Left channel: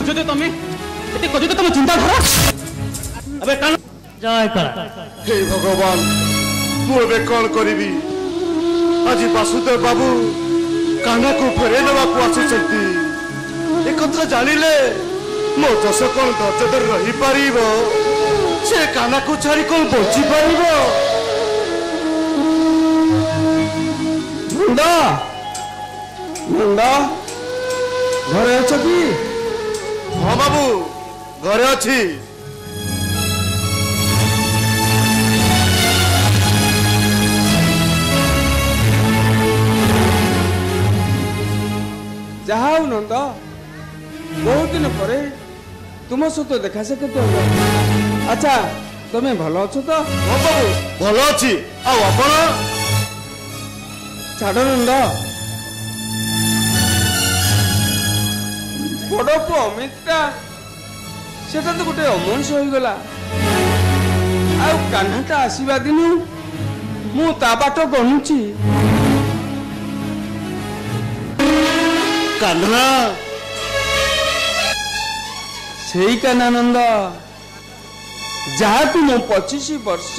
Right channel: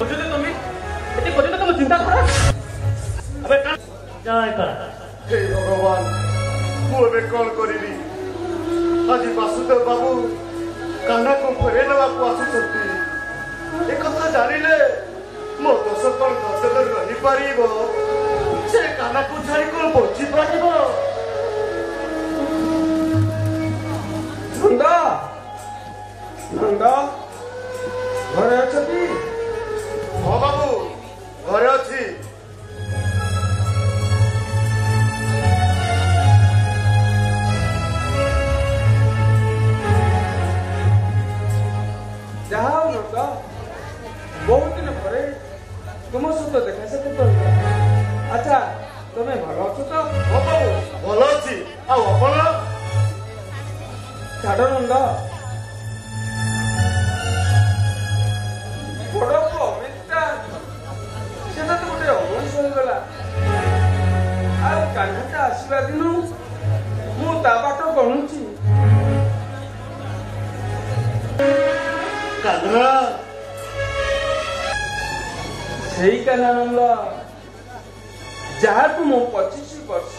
खोजते तुम एते खोजते तुम चिंताधारा अबे कान जय कर हे भगवान मु बे कॉल करिवि आज वासुदेव बाबू कान्हा को फेरे नेबा को आछिसती ए कथा जानिले मो जस कोन दर्जदर रही परिबो से कान्हा को छाड़ी कोन बची परिबो मुंडा मुंडा घरे अछ कि हां बाबू घरे अछि जहाँ न तो बहुत दिन पर तुम सहित देखा साक्षात अच्छा तुम्हें भल अच्छो तो हां बाबू भल अछि आ अपन छाड़ मुंड बड़ पु अमिता से तो गोटे अमनुष्य हो गला कान्हाटा आसवा दिन मु ता बाट गणुची कान्हा से कान्हानंद जहाँ तू मो 25 वर्ष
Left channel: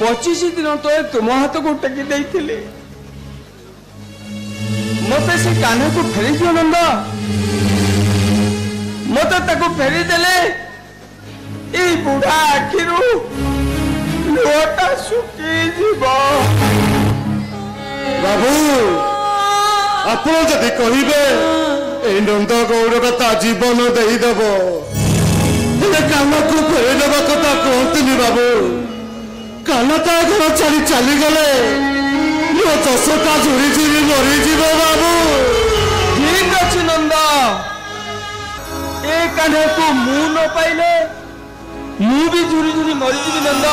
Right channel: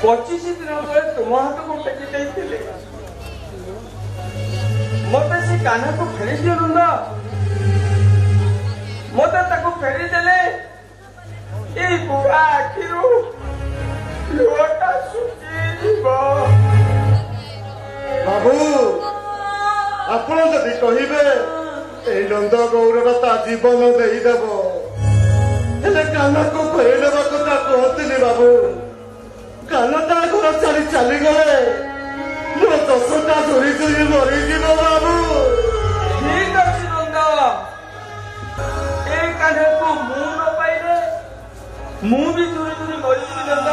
25 दिन तो तुम हाथ को टेकी देइथिले मते से कान्हा को फेरी दियो नंद मते ताको फेरी देले ए बुढ़ा आखिरु लोटा सुकी जीवो बाबू आपण जदि कहिबे ए नंद गौड़ ता जीवन देई देबो तेरे कान्हा को फेरी देबा कथा कहतनी बाबू कान्हा ता घर चली चली गले यो जसटा जोई जीवी मरी जीव बाबू ठीक अछि नंद ए कान्हा को मु न पाइले मु भी झुरी झुरी मरी जीवी नंद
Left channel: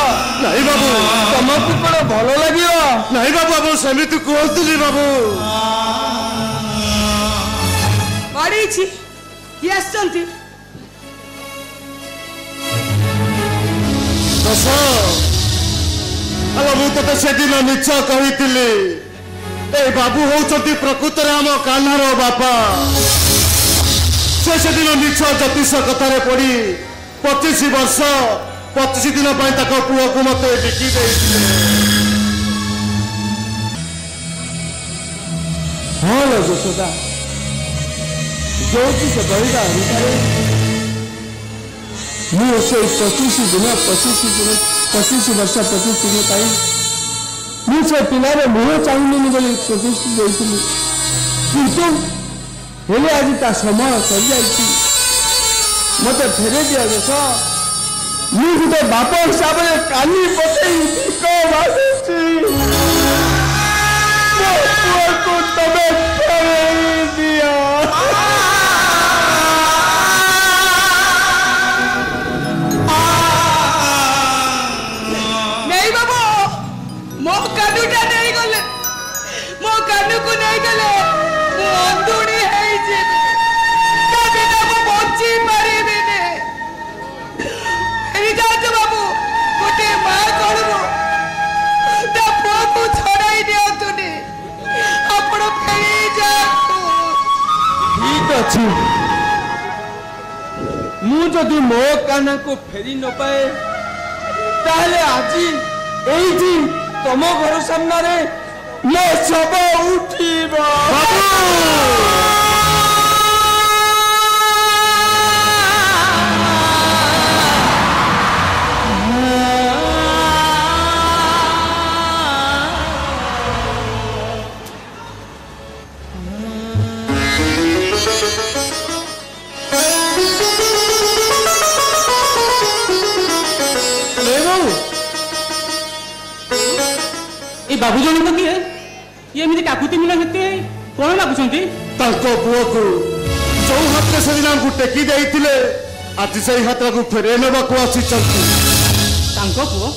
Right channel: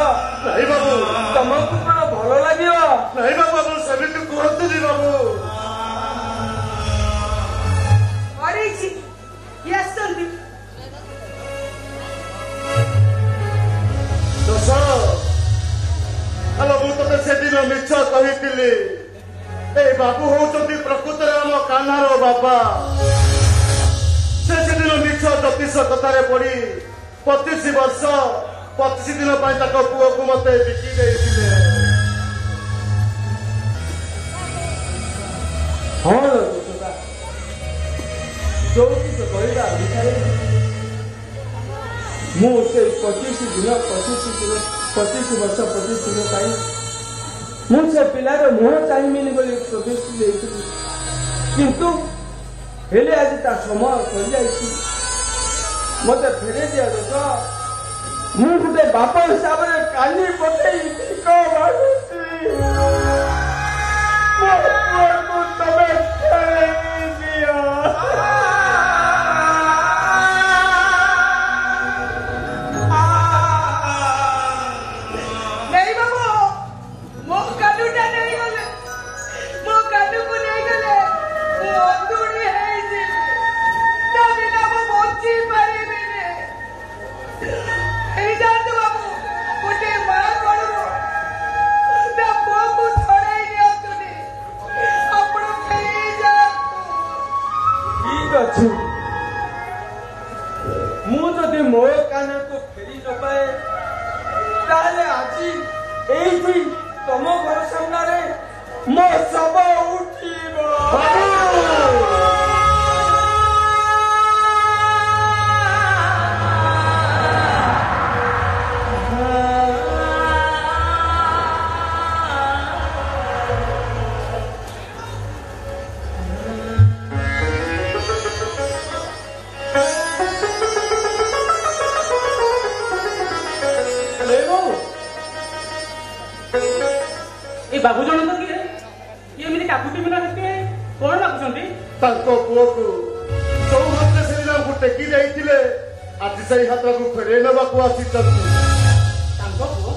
नहीं बाबू तुमको बड़ा भलो लागियो नहीं बाबू सेमिति कहतनी बाबू अरे छी यस चलती दस अरे मु तो से दिन निश्चय कही ए बाबू होचंती प्रकृत आम कान्हार बापा से दिन निश्चय ज्योतिष कथार पड़ी 25 वर्ष 25 दिन पुओ को मत बिकी हाँ यशोदा जो से बलिदा अनुसार मुझे 25 दिन 25 वर्ष 25 दिन पाई मुझे पिलाने मुह चाहिए बोली प्रतिष्ठित देती किंतु हेले आज ता समय चल जाइए मत फेरे दिया देश मु गोटे बाप हिसाब से काली पटे मुझे मो कान्हा को फेरी न पाए ताले आज यही तुम घर सामने मो शव उठिबो बाबू जन तो किए ये मेरी काकुति मिला हेते कोन लागुछंती ताको पुओ को जो हाथ से दिन को टेकी देइथिले आज सही हाथ को फेरे नेबा को आसी चलती तांको पुओ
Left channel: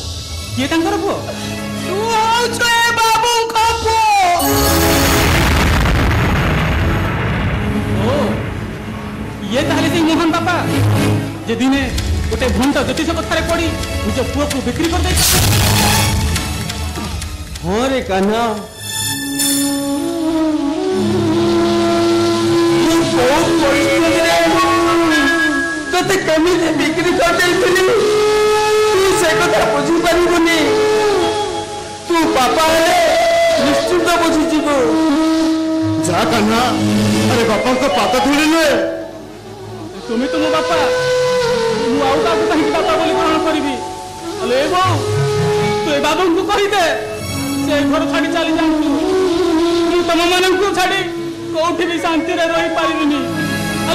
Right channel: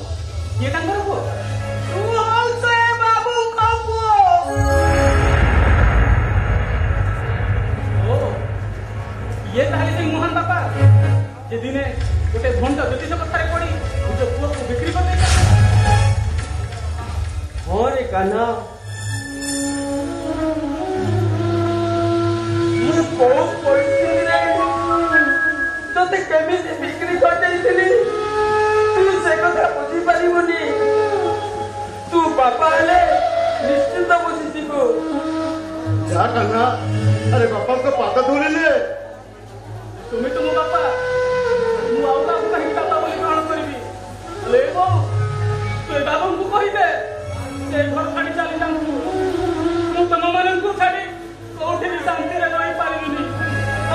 ये तांकर पुओ ओ जय बाबू का पुओ ओ ये ताले से मोहन बाबा जे दिने गोटे घंटा ज्योतिष कथारे पड़ी निज पुओ को बिक्री कर दे हाँ रे कान्हा बहुत परिस्थिति केमिति बिक्री कर देइथिली तू से कथा बुझी परिबनी तू बापा हेले निश्चिंत बुझी जीवो जा कन्हा अरे बापा को पाता धुलिले तुम्हें तो मो बापा मु आउ काकु कहि बापा बोली ग्रहण करिबी ले बो तू बाबू को कहि दे से घर छाड़ी चली जांतु तू तम मन को छाड़ी कोठी भी शांति रे रही पाइबिनी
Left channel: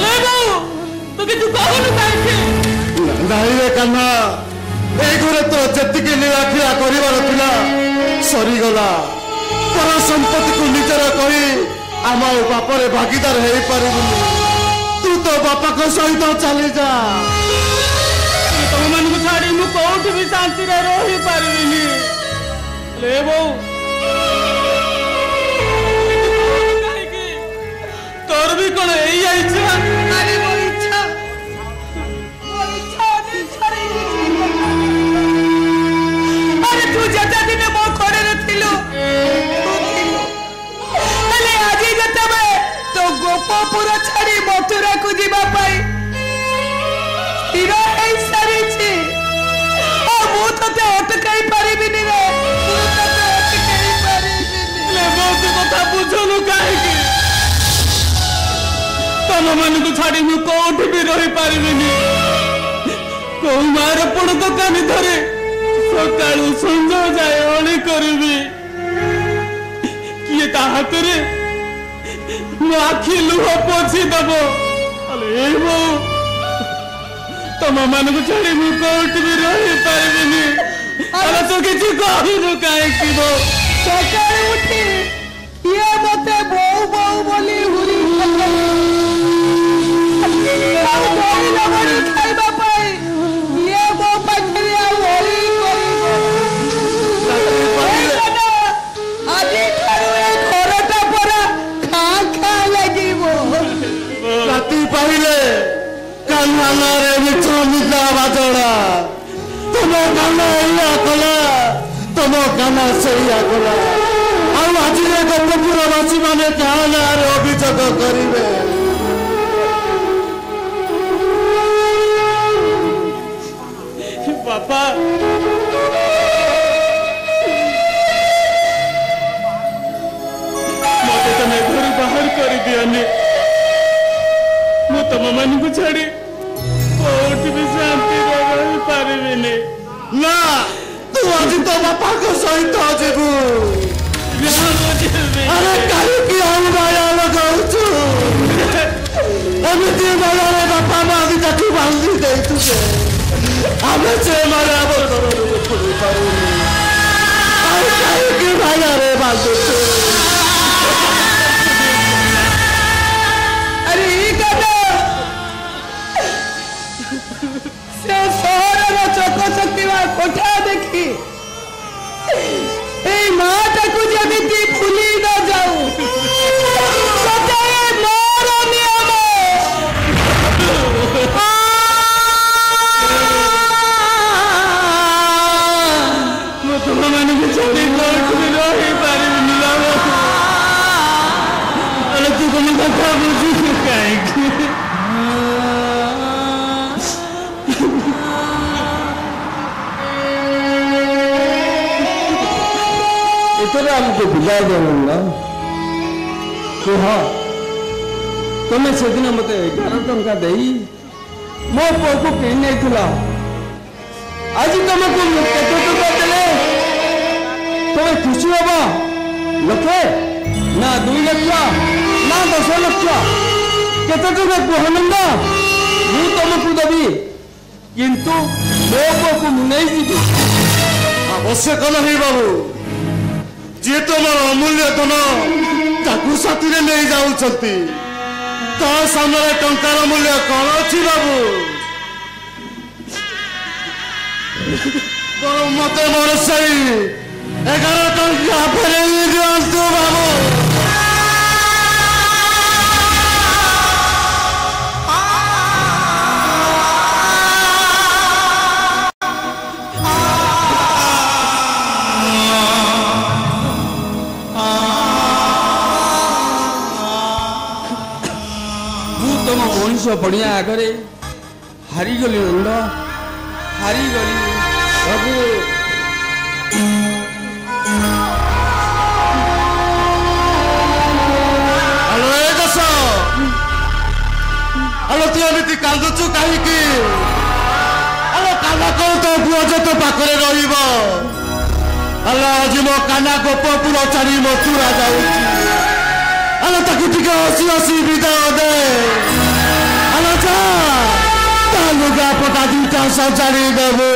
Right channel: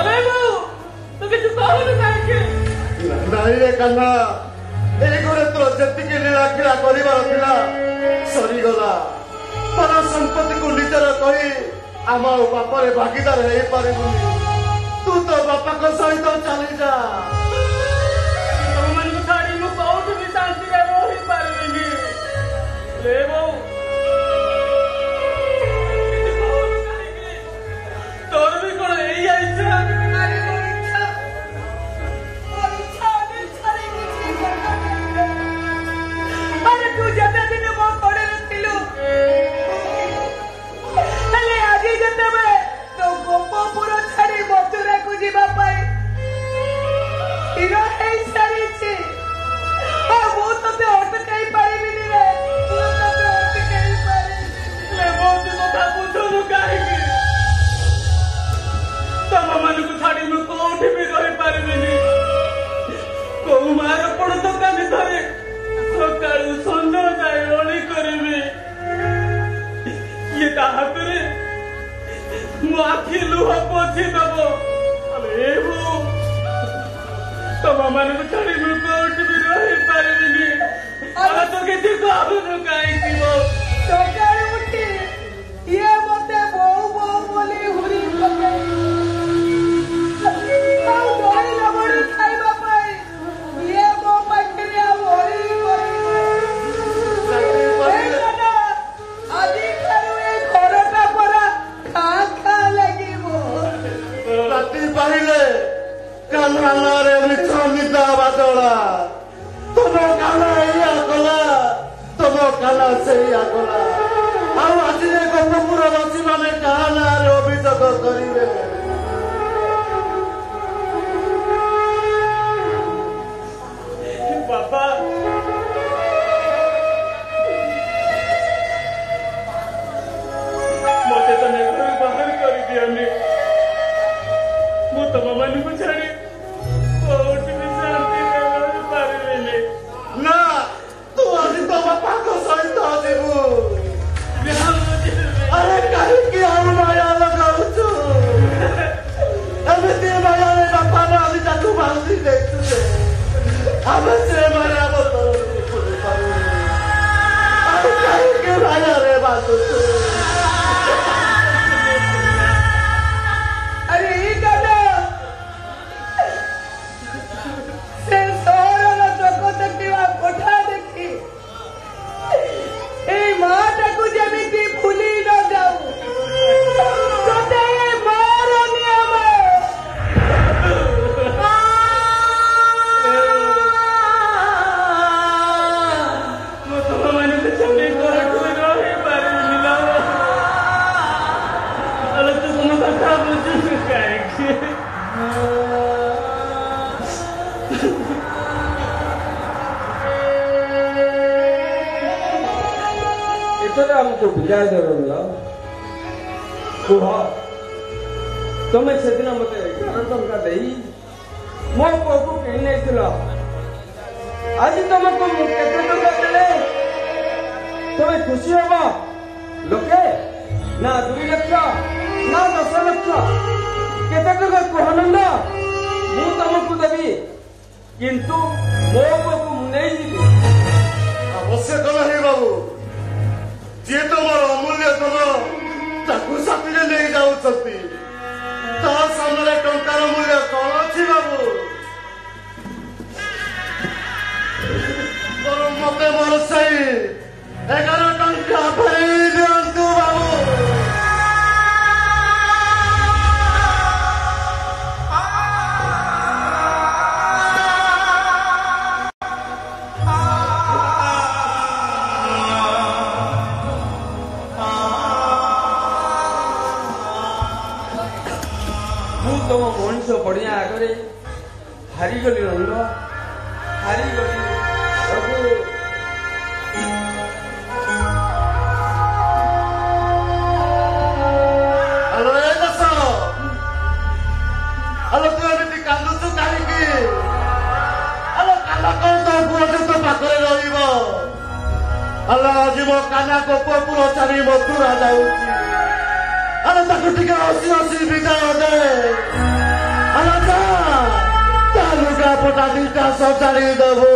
ले बो तो कि तू कहलु काहे नहीं रे कन्हा ए घरे तो जति के लीलाखिया करिवार थिला सरी गला तार संपत्ति को निजर करी आम बापर भागीदार हो पार तू तो बापा को सहित चली जा तुम मन को छाड़ी मु कोठी भी शांति रे रही पारिबिनी ले बो तोर भी कोन एई आइछा अरे वो इच्छा नहीं छाड़ी अरे तू जता दिन मो करे रथिलु अरे आजी जता में तो गोपपुर छाड़ी मथुरा को जीवा पाई तीरा है सारी छी ओ मु तते अटकाई परिबिनी रे तू तते अटकाई परिबिनी ले बहुत कथा बुझलो काहे की तम मन को छाड़ी मु कोठी भी रही पारिबिनी को मार पड़ दुकान धरे सकाळु संज जाए ओली करबी किए ता हातरे मु आखि लुह पोछि दबो अरे वो तम मन को छाड़ी मु कोठी भी रही पारिबिनी अरे तू किछि कहू काहे की बो सकाळे उठी ये मते बहु बहु बोली हुई अभियोग करेंगे बापा मते तमे घर बाहर कर दियाने मु तम मन को छाड़ी कोठी भी शांति रह पारिबेने ना तू आज तो बापा को सहित जेबू अरे कहीं की हम माया लगाउछु अभी ते माया ले बापा ना अभी तक बांधी दे तुझे हमें से माया बोल अरे कहीं की माया रे बांधू अरे ये कदा से सोर चको चकीवा कोठा देखी ए माटा को जगती भूली न जाऊ सदाए मारो नियम मु तम मन को छाड़ी कोठी भी रही पारिबेनी बाबा अरे तू कोनो कथा बुझी काहे की इतने हमको विदाय देना तो हाँ तुम्हें से दिन मत 11 टंका दे मो पुओ को किने थला आज तुमको केते टंका देले तो खुशी होबा लखे ना 2 लाख ना 10 लाख केते टंका कहनंदा मु तुमको देबी किंतु मो पुओ को मुनै दी आवश्यक नहीं बाबू जी तुम अमूल्य धन ताकू साथी नहीं जाऊँगी ता सामने टंकार मूल्य कौन अच्छी बाबू तो मत मन से 11 टंका फेरी दिंतु बाबू मनुष्य बढ़िया आगे ହାରିଗଲି ନନ୍ଦ, ହାରିଗଲି ବାବୁ। ଆଲୋ ଏ ଦୋଷ, ଆଲୋ ତୁ ଏମିତି କାନ୍ଦୁଛୁ କାହିଁକି? ଆଲୋ କାନ କଣ ତୋ ପୁଅ ଯେ ତୋ ପାଖରେ ରହିବ? ଆଲୋ ଆଜି ମୋ କାନା ଗୋପପୁର ଚାରି ମଥୁରା ଯାଉଛି। ଆଲୋ ତାକୁ ଟିକେ ହସି ହସି ବିଦାୟ ଦେ। ଆଲୋ ଯା ତା ଲୁଗା ପଟା ଦୁଇଟା ସଜାଡ଼ି ଦେବୁ।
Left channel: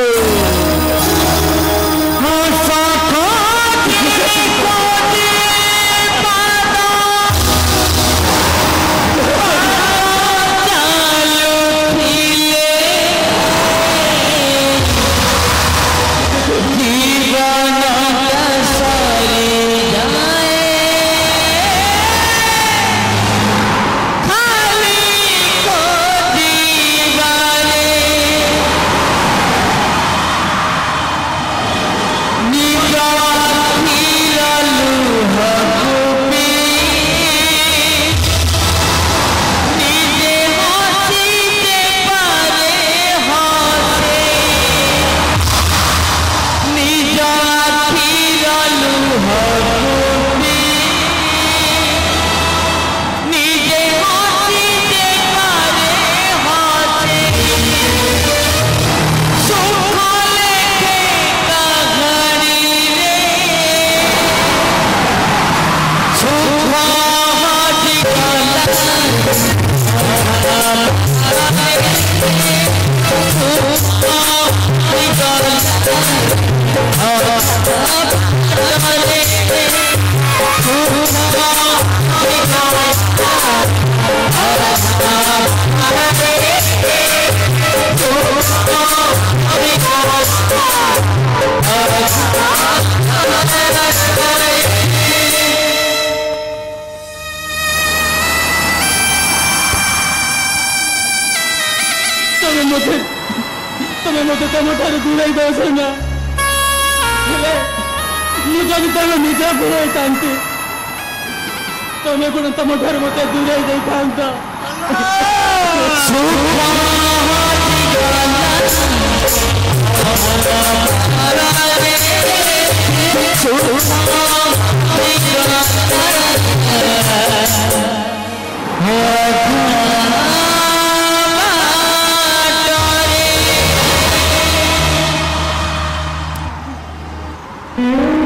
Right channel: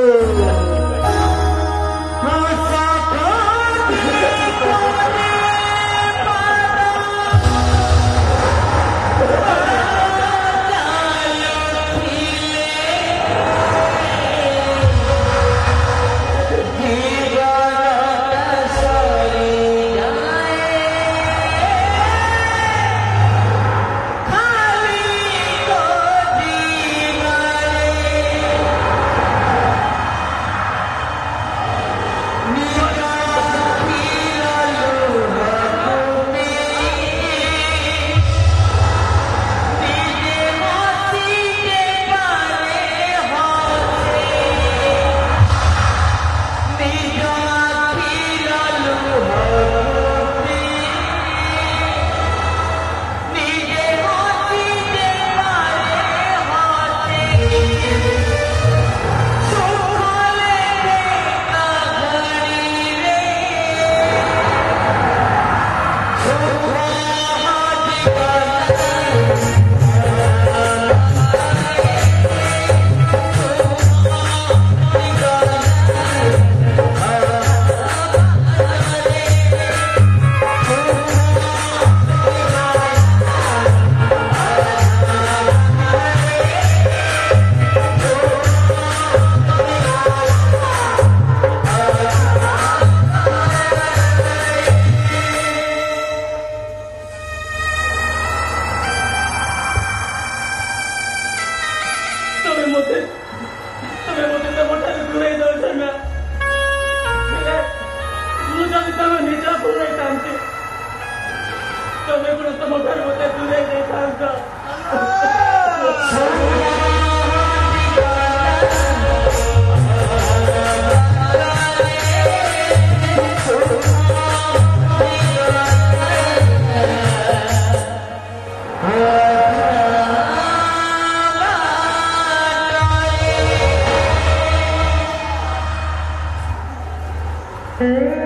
Oh,